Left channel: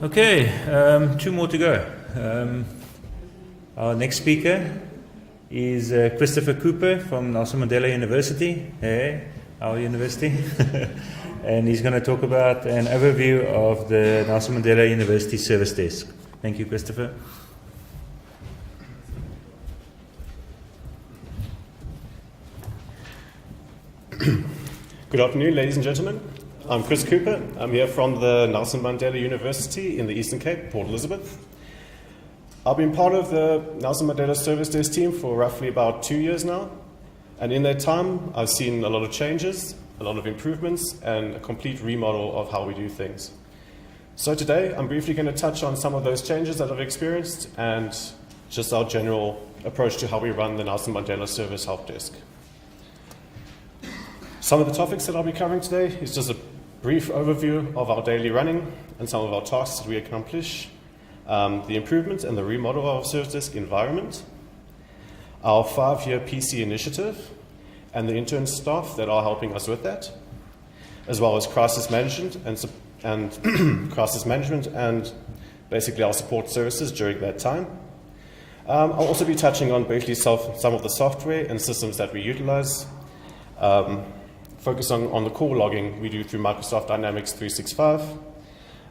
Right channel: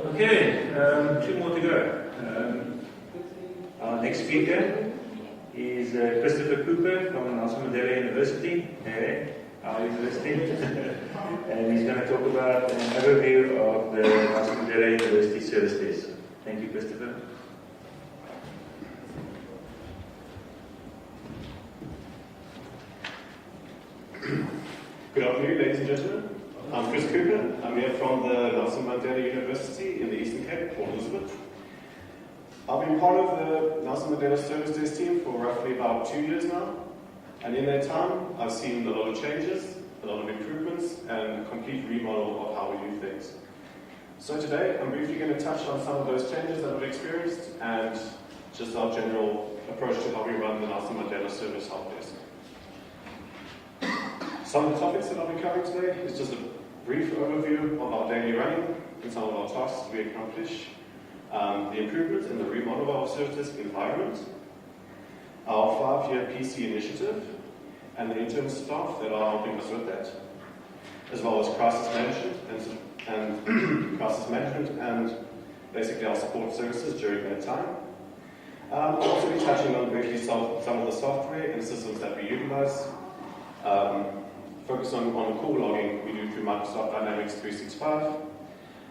Okay, two more to go. Our next speaker is Christopher Cooper from Nelson Mandela University, our university. And he's going to talk about an overview of the Nelson Mandela University Service Desk. Thank you, Christopher. Good afternoon, ladies and gentlemen. I'm Chris Cooper. I'm here from the Nelson Mandela University in the Eastern Cape, Port Elizabeth. I've been part of the Nelson Mandela Service Desk team for roughly about 2 years now. And in that time, I've seen a lot of changes, a lot of improvements, and a complete remodel of how we do things. So today, I'm briefly going to touch on some of those changes that I've experienced and just our general approach to how we run the Nelson Mandela Service Help Desk. Some of the topics that I'll be covering today is just a brief overview of our daily running and some of our tasks we accomplish, the improvements and the remodel of our service desk environment, our 5-year PC initiative, and the intern staff that are helping us with that, as well as crisis management and crisis management and basically our support services during that time. I'll also be touching on basically some of the software and systems that we utilize. Focus on the core logging we do through Microsoft Dynamics 365,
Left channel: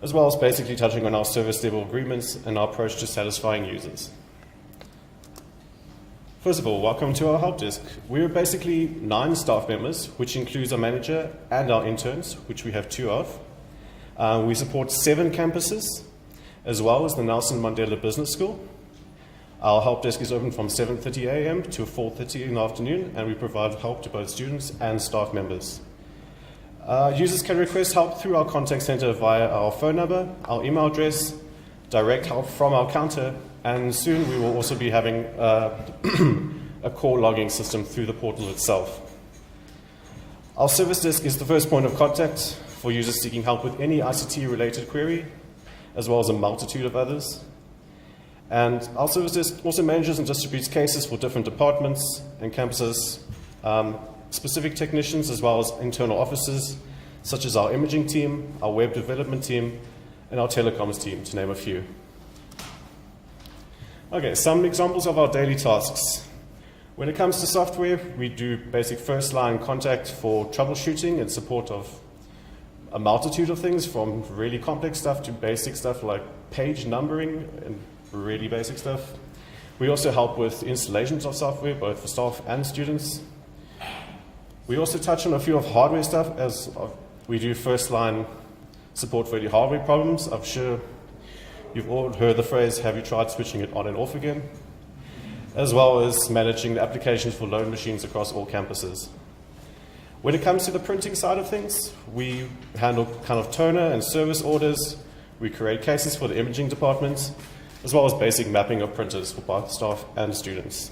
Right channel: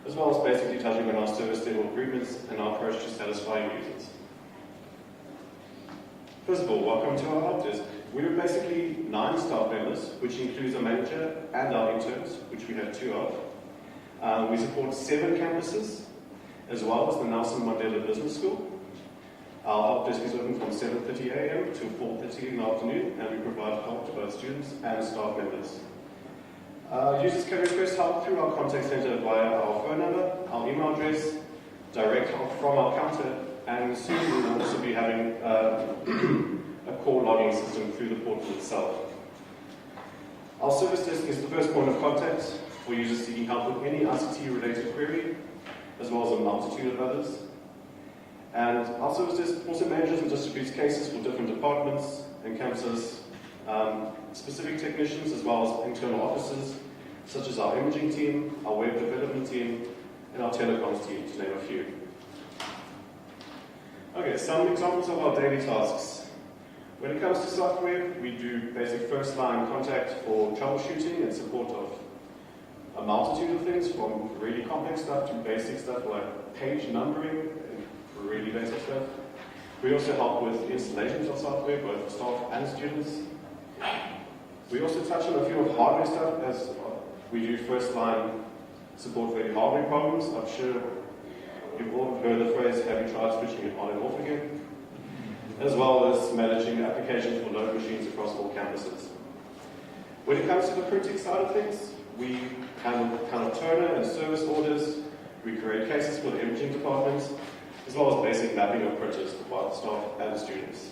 as well as basically touching on our service level agreements and our approach to satisfying users. First of all, welcome to our help desk. We're basically 9 staff members, which includes our manager and our interns, which we have 2 of. We support 7 campuses, as well as the Nelson Mandela Business School. Our help desk is open from 7:30 a.m. to 4:30 in the afternoon, and we provide help to both students and staff members. Users can request help through our contact center via our phone number, our email address, direct help from our counter, and soon we will also be having a core logging system through the portal itself. Our service desk is the first point of contact for users seeking help with any ICT-related query, as well as a multitude of others. And our service desk also manages and distributes cases for different departments and campuses, specific technicians as well as internal officers, such as our imaging team, our web development team, and our telecoms team, to name a few. Okay, some examples of our daily tasks. When it comes to software, we do basic first-line contact for troubleshooting and support of a multitude of things, from really complex stuff to basic stuff like page numbering and really basic stuff. We also help with installations of software, both for staff and students. We also touch on a few of hardware stuff, as we do first-line support for any hardware problems. I'm sure you've all heard the phrase, have you tried switching it on and off again? As well as managing the applications for load machines across all campuses. When it comes to the printing side of things, we handle kind of toner and service orders. We create cases for the imaging department, as well as basic mapping of printers for both staff and students.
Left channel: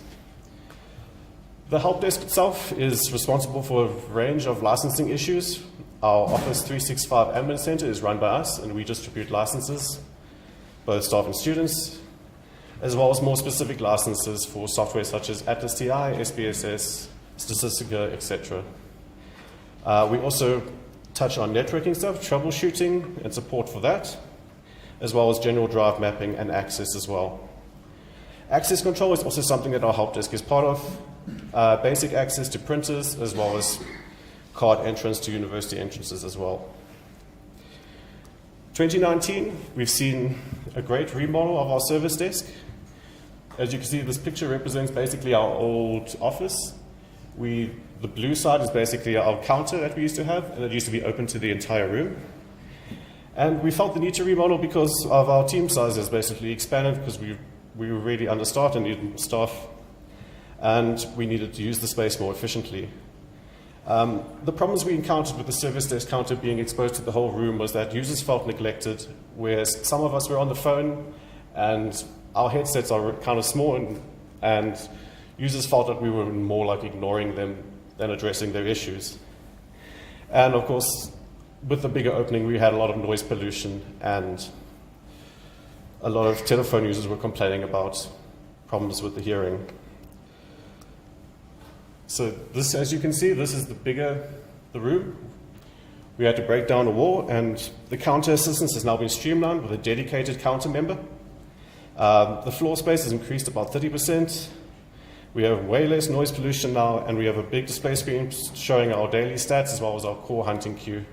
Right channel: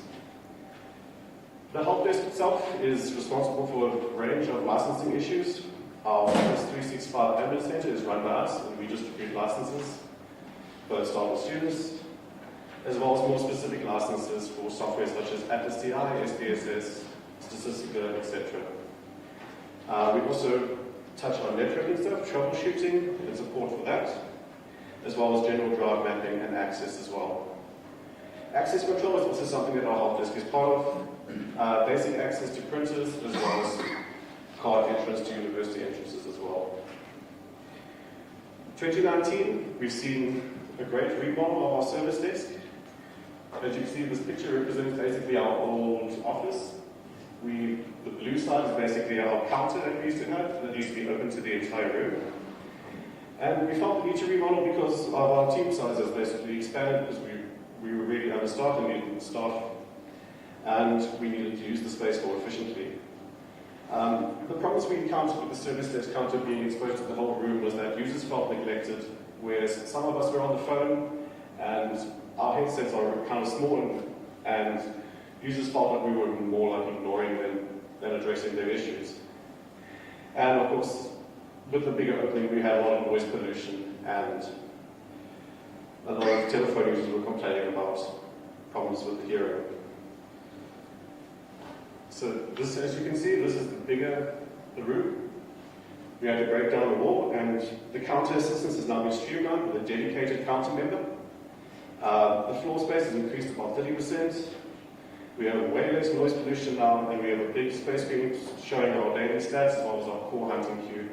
The help desk itself is responsible for a range of licensing issues. Our Office 365 Admin Center is run by us, and we distribute licenses, both staff and students, as well as more specific licenses for software such as Atlas TI, SPSS, Statistica, etc. We also touch on networking stuff, troubleshooting and support for that, as well as general drive mapping and access as well. Access control is also something that our help desk is part of. Basic access to printers, as well as card entrance to university entrances as well. 2019, we've seen a great remodel of our service desk. As you can see, this picture represents basically our old office. The blue side is basically our counter that we used to have, and it used to be open to the entire room. And we felt the need to remodel because of our team sizes basically expanded, because we were really understaffed and needed staff, and we needed to use the space more efficiently. The problems we encountered with the service desk counter being exposed to the whole room was that users felt neglected, whereas some of us were on the phone and our headsets are kind of small, and users felt that we were more like ignoring them than addressing their issues. And of course, with the bigger opening, we had a lot of noise pollution, and a lot of telephone users were complaining about problems with the hearing. So this, as you can see, this is the room. We had to break down a wall, and the counter assistance has now been streamlined with a dedicated counter member. The floor space has increased about 30%. We have way less noise pollution now, and we have a big display screen showing our daily stats as well as our core hunting queue.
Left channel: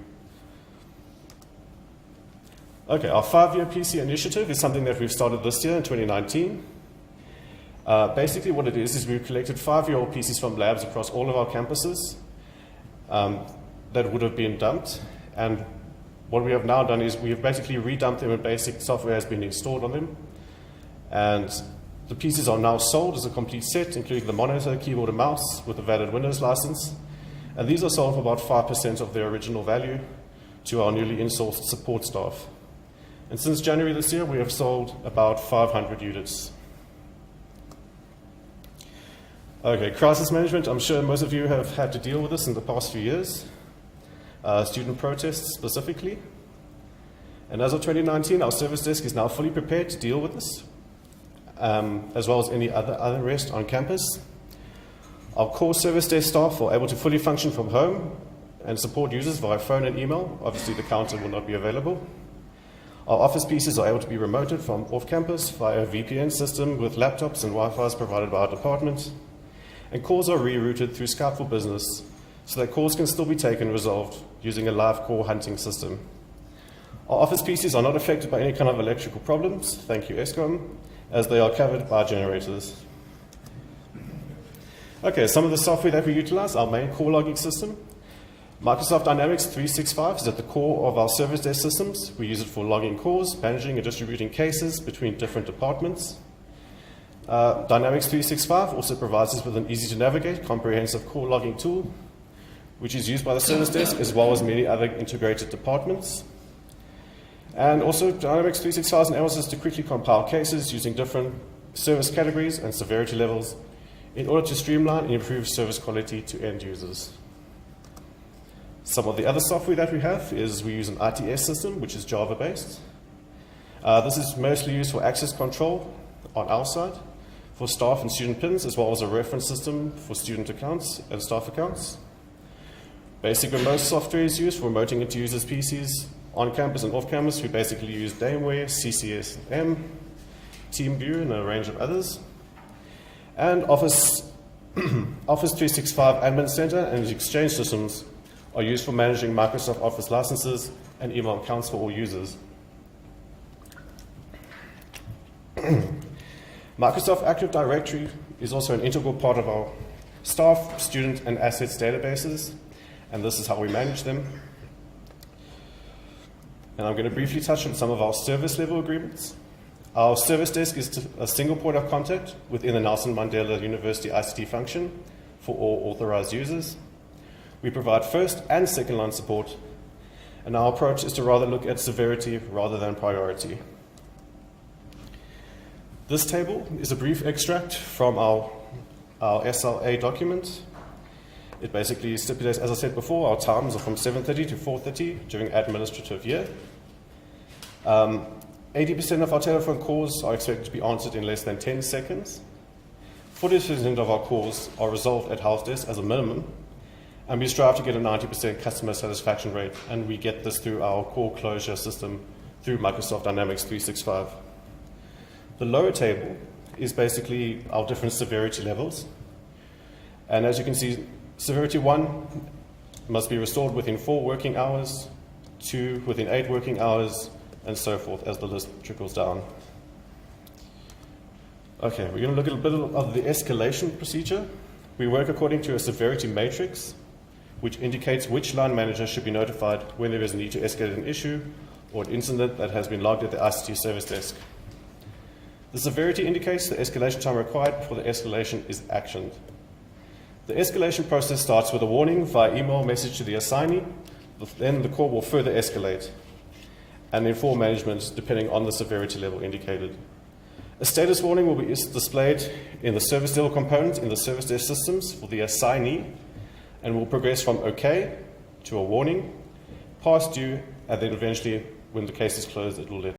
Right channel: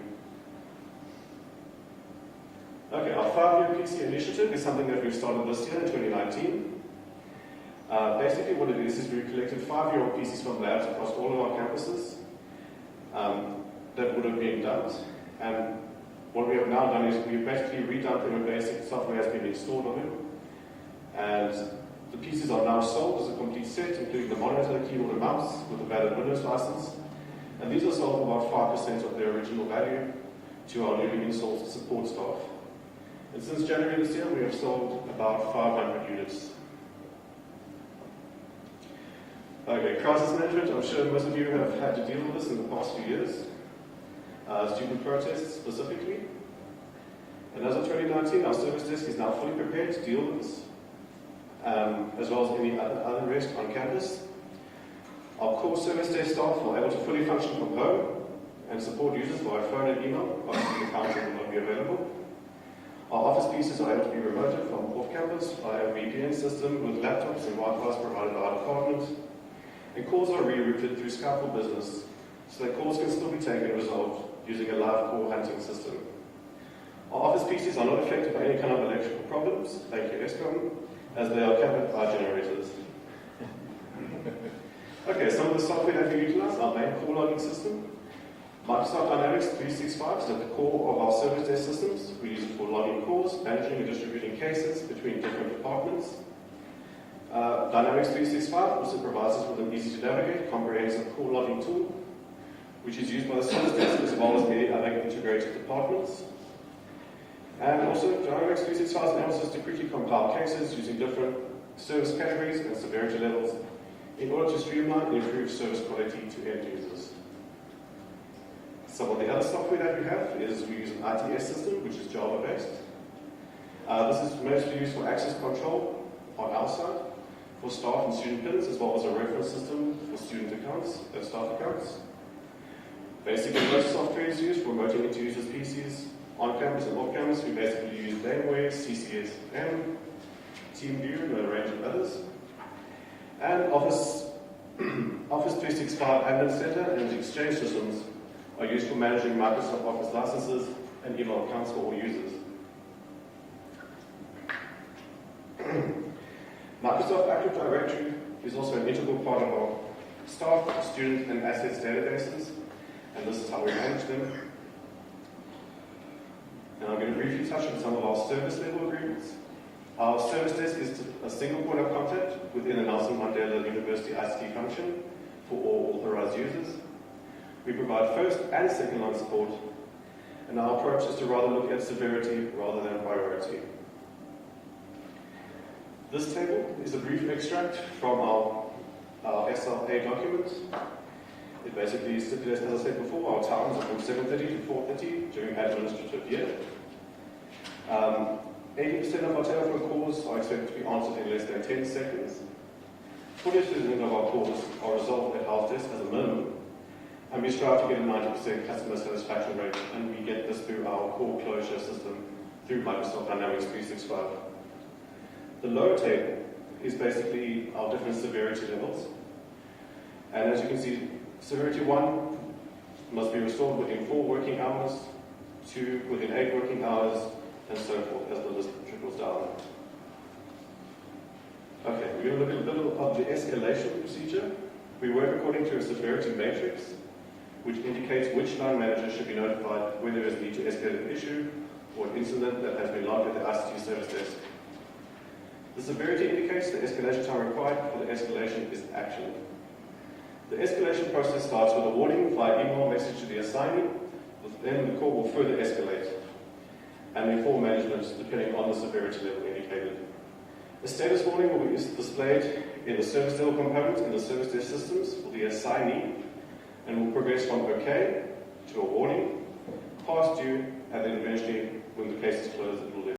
Okay, our 5-year PC initiative is something that we've started this year in 2019. Basically what it is we've collected 5-year-old PCs from labs across all of our campuses that would have been dumped, and what we have now done is we've basically redumped them and basic software has been installed on them, and the PCs are now sold as a complete set, including the monitor, keyboard and mouse with a valid Windows license, and these are sold for about 5% of their original value to our newly insourced support staff. And since January this year we have sold about 500 units. Okay, crisis management. I'm sure most of you have had to deal with this in the past few years. Student protests specifically. And as of 2019, our service desk is now fully prepared to deal with this, as well as any other unrest on campus. Our core service desk staff are able to fully function from home and support users via phone and email. Obviously, the counter will not be available. Our office PCs are able to be remoted from off-campus via a VPN system with laptops and Wi-Fi provided by our department. And calls are rerouted through Skype for Business, so that calls can still be taken and resolved using a live call hunting system. Our office PCs are not affected by any kind of electrical problems, thank you ESCOM, as they are covered by generators. Okay, some of the software that we utilize, our main call logging system. Microsoft Dynamics 365 is at the core of our service desk systems. We use it for logging calls, managing and distributing cases between different departments. Dynamics 365 also provides us with an easy-to-navigate, comprehensive call logging tool, which is used by the service desk as well as many other integrated departments. And also, Dynamics 365 enables us to quickly compile cases using different service categories and severity levels in order to streamline and improve service quality to end users. Some of the other software that we have is we use an ITS system, which is Java-based. This is mostly used for access control on our side, for staff and student pins, as well as a reference system for student accounts and staff accounts. Basically, most software is used for remoting into users' PCs on campus and off campus. We basically use Dameware, CCSM, TeamViewer, and a range of others. And Office 365 Admin Center and its Exchange systems are used for managing Microsoft Office licenses and email accounts for all users. Microsoft Active Directory is also an integral part of our staff, student, and assets databases, and this is how we manage them. And I'm going to briefly touch on some of our service level agreements. Our service desk is a single point of contact within the Nelson Mandela University ICT function for all authorized users. We provide first and second line support, and our approach is to rather look at severity rather than priority. This table is a brief extract from our SLA document. It basically stipulates, as I said before, our times are from 7:30 to 4:30 during administrative year. 80% of our telephone calls are expected to be answered in less than 10 seconds. 40% of our calls are resolved at house desk as a minimum, and we strive to get a 90% customer satisfaction rate, and we get this through our call closure system through Microsoft Dynamics 365. The lower table is basically our different severity levels, and as you can see, severity 1 must be restored within 4 working hours, 2 within 8 working hours, and so forth as the list trickles down. Okay, we're going to look at a bit of the escalation procedure. We work according to a severity matrix, which indicates which line manager should be notified when there is a need to escalate an issue or an incident that has been logged at the ICT service desk. The severity indicates the escalation time required before the escalation is actioned. The escalation process starts with a warning via email message to the assignee, then the call will further escalate and inform management depending on the severity level indicated. A status warning will be displayed in the service level component in the service desk systems for the assignee and will progress from OK to a warning, past due, and then eventually, when the case is closed, it will let